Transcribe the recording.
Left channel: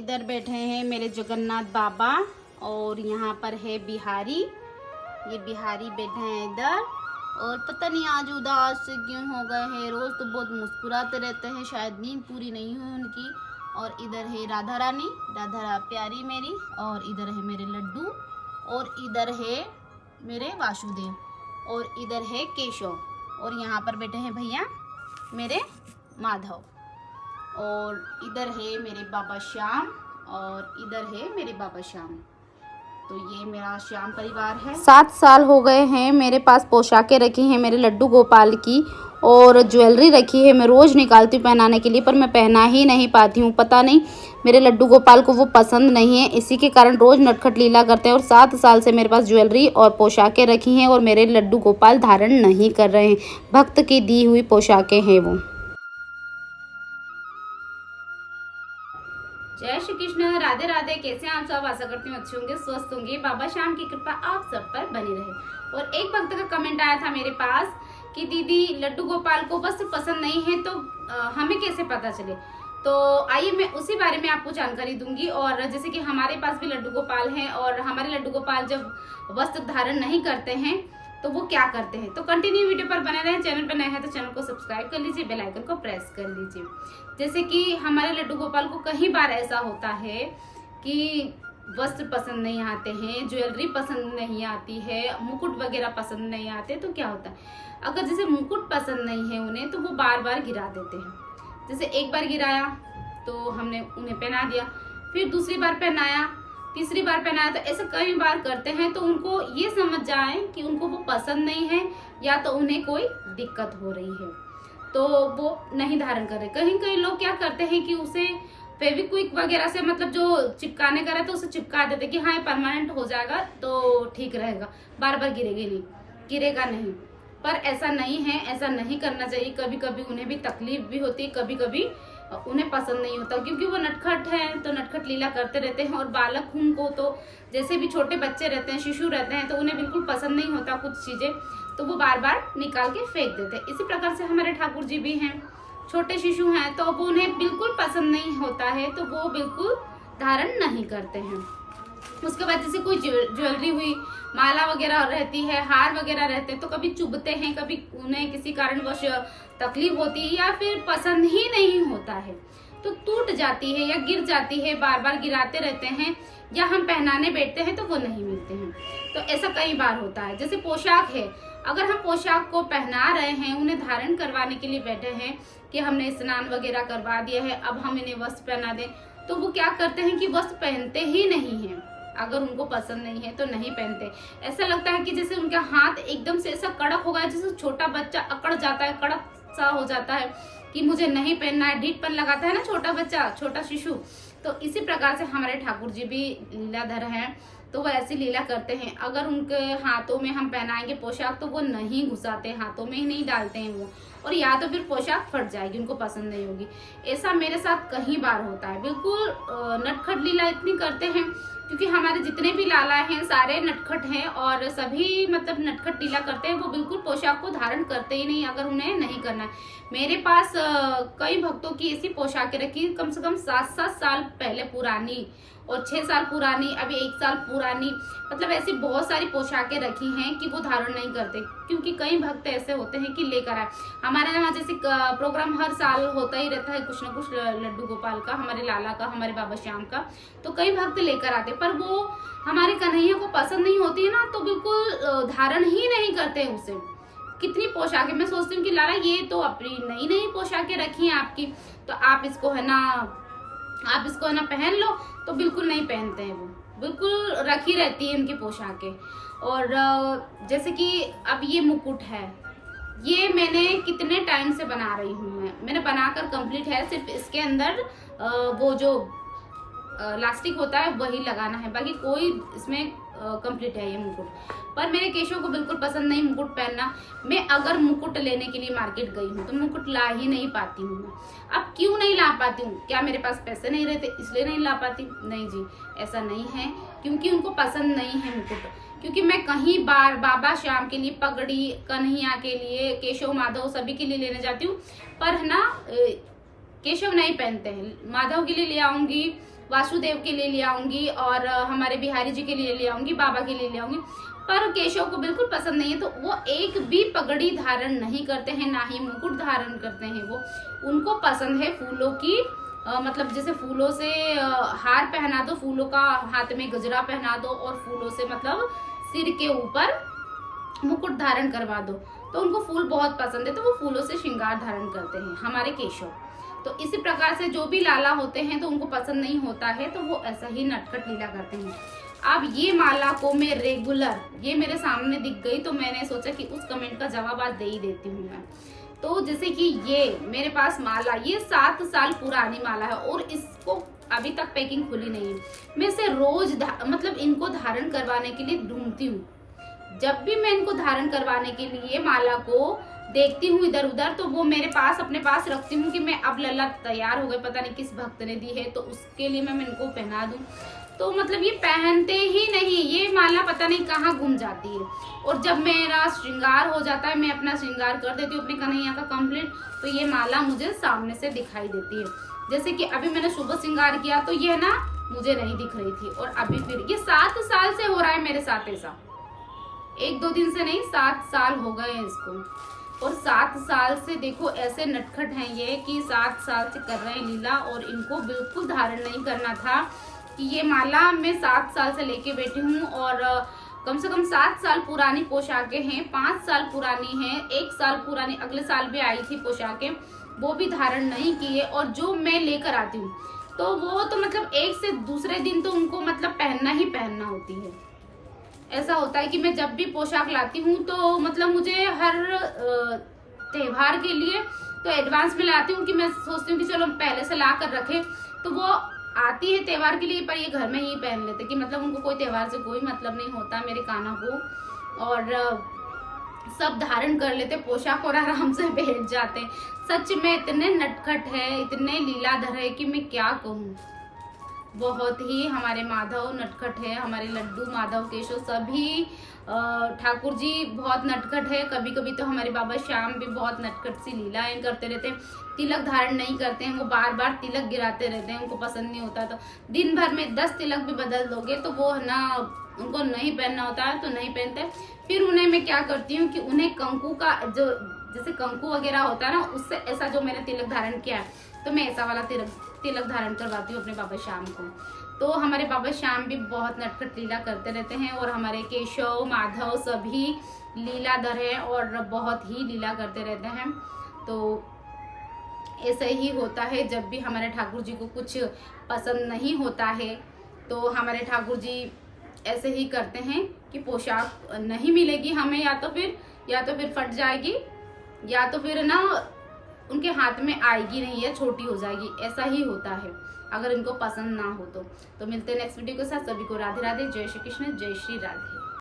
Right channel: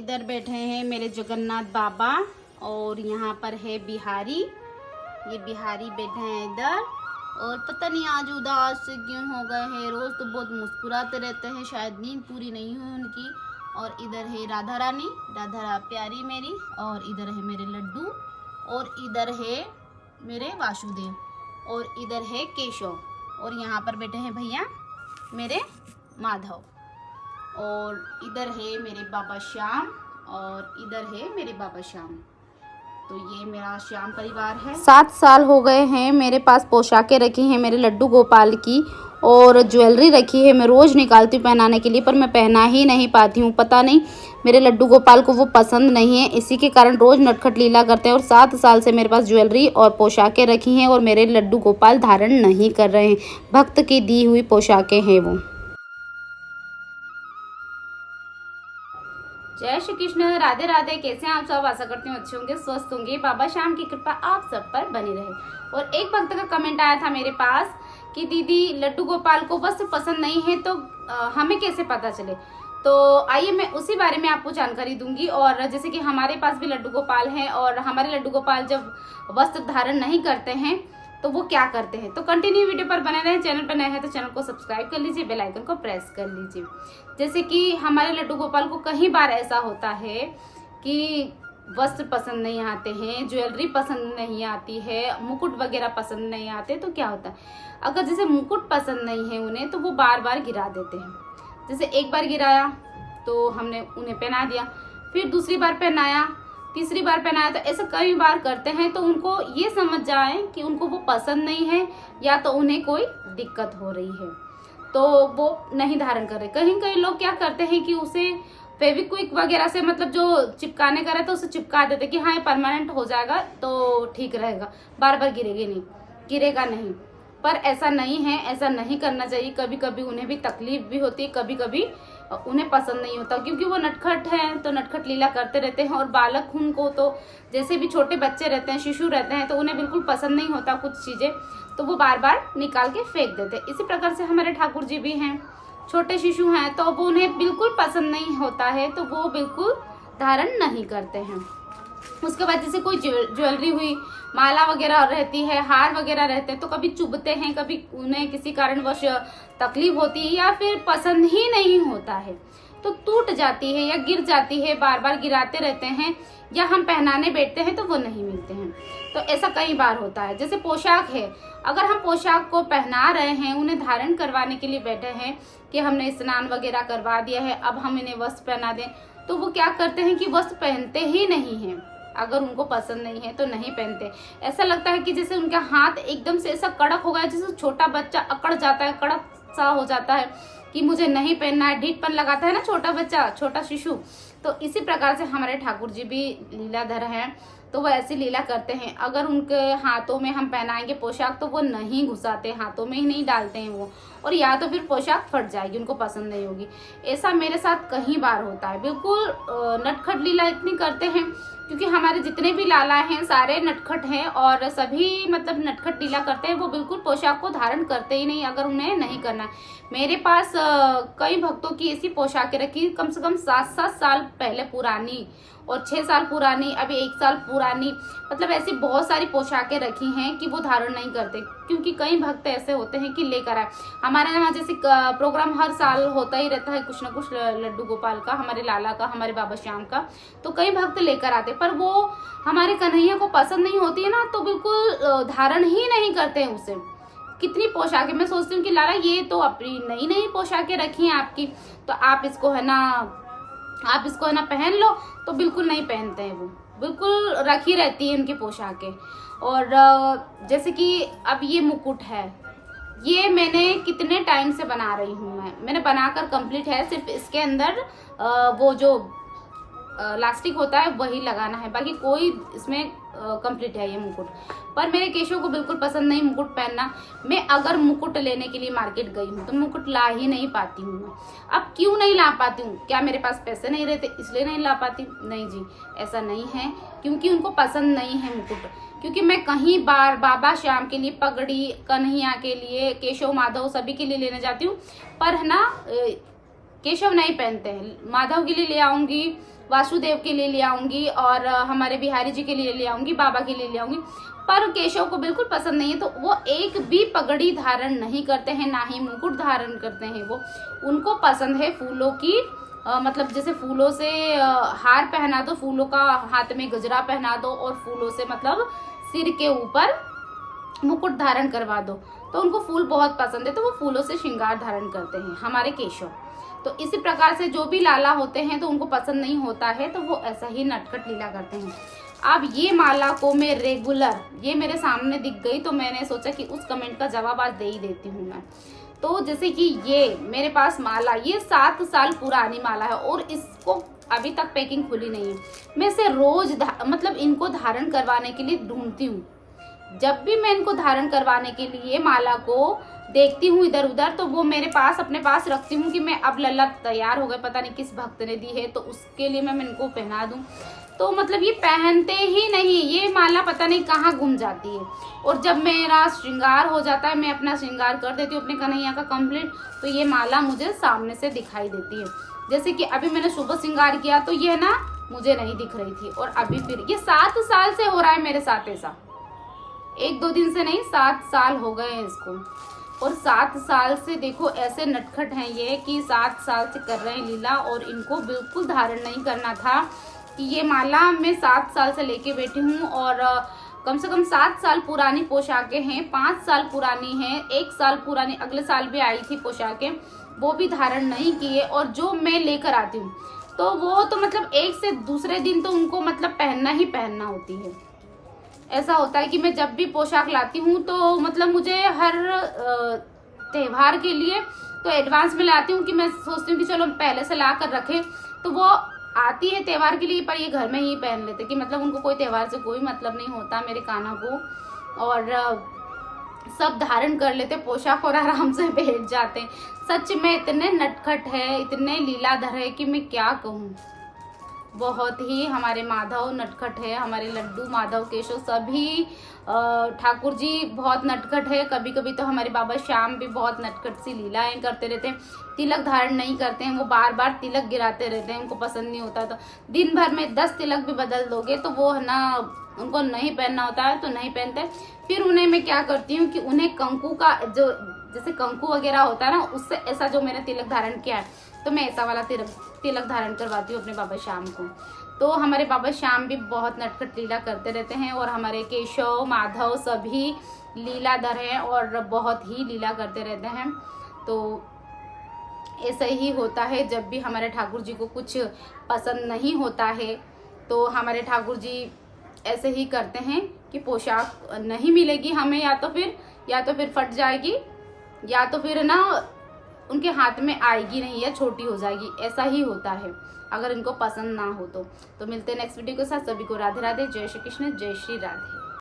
इधर बैठे हैं मेरे जगन्नाथ बाबा और यहाँ पर है बिहारी। ये बिहारी बैठे हैं इधर और पता नहीं आज उदास से क्यों हो गए हैं। रोज़ तो बहुत मुस्कुराते रहते हैं, शायद नींद पूरी नहीं हुई उनकी। और इधर है राधा रानी, प्यारी मेरी, और इधर है मेरे लड्डू, और इधर है मेरे वासुदेव, और इधर है केशव, और यहाँ पर बैठे हैं भैया मेरे माधव, और इधर है मेरे बाबा श्याम, और इधर है मेरे बाबा श्याम। तो ये मेरा श्याम परिवार है। 7 साल हो गए हैं मेरे पास पोशाकें रखी हैं मेरे लड्डू गोपाल की, और ज्वेलरी रखी है। मैं रोज़ निकालती हूँ पहनाने के लिए, पर मैं पहना ही नहीं पाती हूँ। पता नहीं मेरे लड्डू गोपाल को वो पसंद नहीं है, इसी के कारण रोज़ नटखट लीला करते हैं। और 7 साल से मेरे पास ज्वेलरी और पोशाकें रखी हैं और मेरे लड्डू गोपाल धारण नहीं कर रहे हैं। भक्त की दी हुई पोशाकें हैं वो। जय श्री कृष्ण, राधे राधे। कैसे हैं आप सब? आशा करती हूँ अच्छे होंगे, स्वस्थ होंगे। बाबा श्याम की कृपा आप सब पर बनी रहे। और एक भक्त का कमेंट आया था मेरे पास कि दीदी लड्डू गोपाल को वस्त्र पसंद नहीं है तो हमें कैसे पता चले। तो आइए मैं उसी बारे में आपको जानकारी दूंगी। और जैसे कि हमारे पास भी लड्डू गोपाल हैं और हमारे लड्डू गोपाल जब वस्त्र धारण नहीं करते हैं तो वो क्या करते हैं। तो कंटिन्यू वीडियो पर बने रहें। चैनल पर नए हैं तो चैनल को सब्सक्राइब कर लीजिए, बेल आइकन को प्रेस कर लीजिए। जैसे कि हमारे लड्डू गोपाल को कई बार ऐसा होता है कि वस्त्र पसंद नहीं आते हैं, ज्वेलरी पसंद नहीं आती है, मुकुट वगैरह पसंद नहीं आते। तो क्या होता है, अगर जैसे मुकुट पसंद नहीं है उन्हें तो वो बार बार गिरा देते हैं। जैसे एक बार गिराया तो हमने उन्हें पहना दिया, फिर दूसरी बार पहनाया, तीसरी बार पहनाया, तो ऐसा कई बार करते हैं। तो उनको ये समझ जाए कि उनको वो पसंद नहीं है या तो उन्हें कोई दिक्कत हो रही है, तो वो नहीं धारण कर रहे। कहीं लोग क्या करते हैं कि उसे फेविक्विक वगैरह से, मतलब जो चिपकाने का रहता है उसे चिपका देते कि हाँ ये परमानेंट हो जाएगा तो ठीक रहेगा, बार बार गिरेगा नहीं। पर ऐसा नहीं है, ऐसा नहीं करना चाहिए। कभी कभी उन्हें भी तकलीफ भी होती है, कभी कभी उन्हें पसंद नहीं होता, क्योंकि वो नटखट हैं तो नटखट लीला करते रहते हैं। और बालक उनको तो जैसे भी छोटे बच्चे रहते हैं, शिशु रहते हैं, तो उन्हें बिल्कुल पसंद नहीं होता कुछ चीजें, तो वो बार बार निकाल के फेंक देते हैं। इसी प्रकार से हमारे ठाकुर जी भी हैं, छोटे शिशु हैं तो वो उन्हें बिल्कुल पसंद नहीं होता है, तो वो बिल्कुल धारण नहीं करते हैं। उसके बाद जैसे कोई ज्वेलरी हुई, माला वगैरह रहती है, हार वगैरह रहते हैं, तो कभी चुभते हैं, कभी उन्हें किसी कारणवश तकलीफ होती है या फिर पसंद ही नहीं होता है तो टूट जाती है या गिर जाती है, बार बार गिराते रहते हैं, या हम पहनाने बैठते हैं तो वो नहीं मिलते हैं। तो ऐसा कई बार होता है। जैसे पोशाक है, अगर हम पोशाक को पहना रहे हैं, उन्हें धारण करवाने के लिए बैठे हैं कि हमने स्नान वगैरह करवा दिया है, अब हम इन्हें वस्त्र पहना दें, तो वो क्या करते हैं कि वस्त्र पहनते ही नहीं हैं। अगर उनको पसंद नहीं है तो नहीं पहनते। ऐसा लगता है कि जैसे उनका हाथ एकदम से ऐसा कड़क हो गया, जैसे छोटा बच्चा अकड़ जाता है, कड़क सा हो जाता है कि मुझे नहीं पहनना है, ढीठपन लगाता है ना छोटा बच्चा, छोटा शिशु। तो इसी प्रकार से हमारे ठाकुर जी भी लीलाधर हैं, तो वो ऐसी लीला करते हैं। अगर उनके हाथों में हम पहनाएंगे पोशाक तो वो नहीं घुसाते, हाथों में ही नहीं डालते हैं वो, और या तो फिर पोशाक फट जाएगी, उनको पसंद नहीं होगी। ऐसा मेरे साथ कई बार होता है। बिल्कुल नटखट लीला इतनी करते हैं, क्योंकि हमारे जितने भी लाला हैं सारे नटखट हैं और सभी मतलब नटखट लीला करते हैं। वो बिल्कुल पोशाक को धारण करते ही नहीं अगर उन्हें नहीं करना। मेरे पास कई भक्तों की ऐसी पोशाकें रखी, कम से कम 7-7 साल पहले पुरानी, और 6 साल पुरानी, अभी 1 साल पुरानी, मतलब ऐसी बहुत सारी पोशाकें रखी हैं कि वो धारण नहीं करते। क्योंकि कई भक्त ऐसे होते हैं कि लेकर आए। हमारे यहाँ जैसे प्रोग्राम हर साल होता ही रहता है, कुछ ना कुछ लड्डू गोपाल का, हमारे लाला का, हमारे बाबा श्याम का, तो कई भक्त लेकर आते, पर वो हमारे कन्हैया को पसंद नहीं होती है ना, तो बिल्कुल धारण ही नहीं करते हैं उसे। कितनी पोशाकें, मैं सोचती हूँ कि लाला ये तो अपनी नई नई पोशाकें रखी हैं आपकी, तो आप इसको है ना पहन लो, तो बिल्कुल नहीं पहनते हैं वो, बिल्कुल रखी रहती है उनकी पोशाकें। और जैसे कि अब ये मुकुट है, ये मैंने कितने टाइम से बना रही हूँ, मैंने बनाकर कंप्लीट है। सिर्फ इसके अंदर वो जो लास्टिक होता है वही लगाना है, बाकी कोई इसमें कंप्लीट है ये मुकुट। पर मेरे केशव को बिल्कुल पसंद नहीं मुकुट पहनना। मैं अगर मुकुट लेने के लिए मार्केट गई हूँ तो मुकुट ला ही नहीं पाती हूँ मैं। अब क्यों नहीं ला पाती हूँ? क्या मेरे पास पैसे नहीं रहते इसलिए नहीं ला पाती? नहीं जी, ऐसा नहीं है, क्योंकि उनको पसंद नहीं है मुकुट। क्योंकि मैं कहीं बार बाबा श्याम के लिए पगड़ी, कन्हैया के लिए, केशव माधव सभी के लिए लेने जाती हूँ, पर है ना केशव नहीं पहनते हैं। माधव के लिए ले आऊंगी, वासुदेव के लिए ले आऊंगी और हमारे बिहारी जी के लिए ले आऊंगी, बाबा के लिए ले आऊंगी, पर केशव को बिल्कुल पसंद नहीं है। तो वो एक भी पगड़ी धारण नहीं करते हैं, ना ही मुकुट धारण करते हैं। वो उनको पसंद है फूलों की मतलब जैसे फूलों से हार पहना दो, फूलों का हाथ में गजरा पहना दो और फूलों से मतलब सिर के ऊपर मुकुट धारण करवा दो, तो उनको फूल बहुत पसंद है, तो वो फूलों से श्रृंगार धारण करते हैं हमारे केशव। तो इसी प्रकार से जो भी लाला होते हैं तो उनको पसंद नहीं होता है, तो वो ऐसा ही नटखट लीला करते हैं। अब ये माला को मैं रेगुलर, ये मेरे सामने दिख गई तो मैंने सोचा कि उस कमेंट का जवाब आज दे ही देती हूँ मैं। तो जैसे कि ये मेरे पास माला, ये 7 साल पुरानी माला है और इसको अभी तक पैकिंग खुली नहीं है। मैं इसे रोज मतलब इनको धारण करवाने के लिए ढूंढती हूँ। जब भी मैं इनको धारण करवाने के लिए माला को देखती हूँ इधर उधर, तो वो मेरे पास अपने पास रखती हूँ कि मैं अब लल्ला तैयार हो गए, पता नहीं किस भक्त ने दी है तो उसके लिए मैं इनको पहना दूँ। तो मतलब ये पहनते ही नहीं, ये माला पता नहीं कहाँ गुम जाती है। और जब मेरा श्रृंगार हो जाता है, मैं अपना श्रृंगार कर देती हूँ अपने कन्हैया का कंप्लीट, तो ये माला मुझे सामने से दिखाई देती है। जैसे कि अभी मैंने शुभ श्रृंगार किया तो ये ना मुझे नहीं दिख रही थी, और अभी फिर ये 7 साल से हो रहा है मेरे साथ ऐसा, 1-2 दिन से नहीं, 7 साल हो गए हैं इसको। और 7 साल से देखो ऐसे नटखट हैं ये कि 7 साल से कर रहे हैं लीला, और इनको बिल्कुल धारण नहीं करना था। कि ये माला मैं 7 साल से लेके बैठी हूँ, और कम से कम 7 साल पुरानी पोशाकें हैं, 5 साल पुरानी हैं, 1 साल पुरानी अगले साल भी आई थी पोशाकें, वो भी धारण नहीं किए। और जो मैं लेकर आती हूँ तो वो तो मतलब एक से दूसरे दिन तो उनको मतलब पहनना ही पहनना होती है। ऐसा होता है कि मैं जब भी पोशाक लाती हूँ तो मतलब मुझे हर त्योहार के लिए तो एडवांस में लाती हूँ कि मैं सोचती हूँ कि चलो पहले से ला कर रखें, तो वो आती है त्योहार के लिए, पर ये घर में ही पहन लेते कि मतलब उनको कोई त्योहार से कोई मतलब नहीं होता मेरे कान्हा को, और सब धारण कर लेते पोशाक और आराम से बैठ जाते। सच में इतने नटखट है, इतने लीलाधर है कि मैं क्या कहूँ। बहुत ही हमारे माधव नटखट है, हमारे लड्डू माधव केशव सभी ठाकुर जी बहुत नटखट है। कभी कभी तो हमारे बाबा श्याम भी बहुत नटखट सी लीलाएं करते रहते हैं। तिलक धारण नहीं करते हैं, वो बार बार तिलक गिराते रहते हैं, उनको पसंद नहीं होता। तो दिन भर में 10 तिलक भी बदल दोगे तो वो है ना, उनको नहीं पहनना होता है तो नहीं पहनते। फिर उन्हें मैं क्या करती हूँ कि उन्हें कंकु का जो जैसे कंकु वगैरह होता है ना, उससे ऐसा जो मैंने तिलक धारण किया है तो मैं ऐसा वाला तिलक धारण करवाती हूँ अपने बाबा श्याम को। तो हमारे बाबा श्याम भी बहुत नटखट लीला करते रहते हैं, और हमारे केशव माधव सभी लीलाधर हैं और बहुत ही लीला करते रहते हैं। तो ऐसा ही होता है, जब भी हमारे ठाकुर जी को कुछ पसंद नहीं होता है तो हमारे ठाकुर जी ऐसे ही करते हैं कि पोशाक नहीं मिलेगी हमें, या तो फिर फट जाएगी, या तो फिर ना उनके हाथ में आएगी नहीं या छोटी हो जाएगी। ऐसा ही होता है अगर इनको पसंद ना हो तो। मिलते हैं नेक्स्ट वीडियो के साथ। सभी को राधे राधे, जय श्री कृष्ण, जय श्री राधे।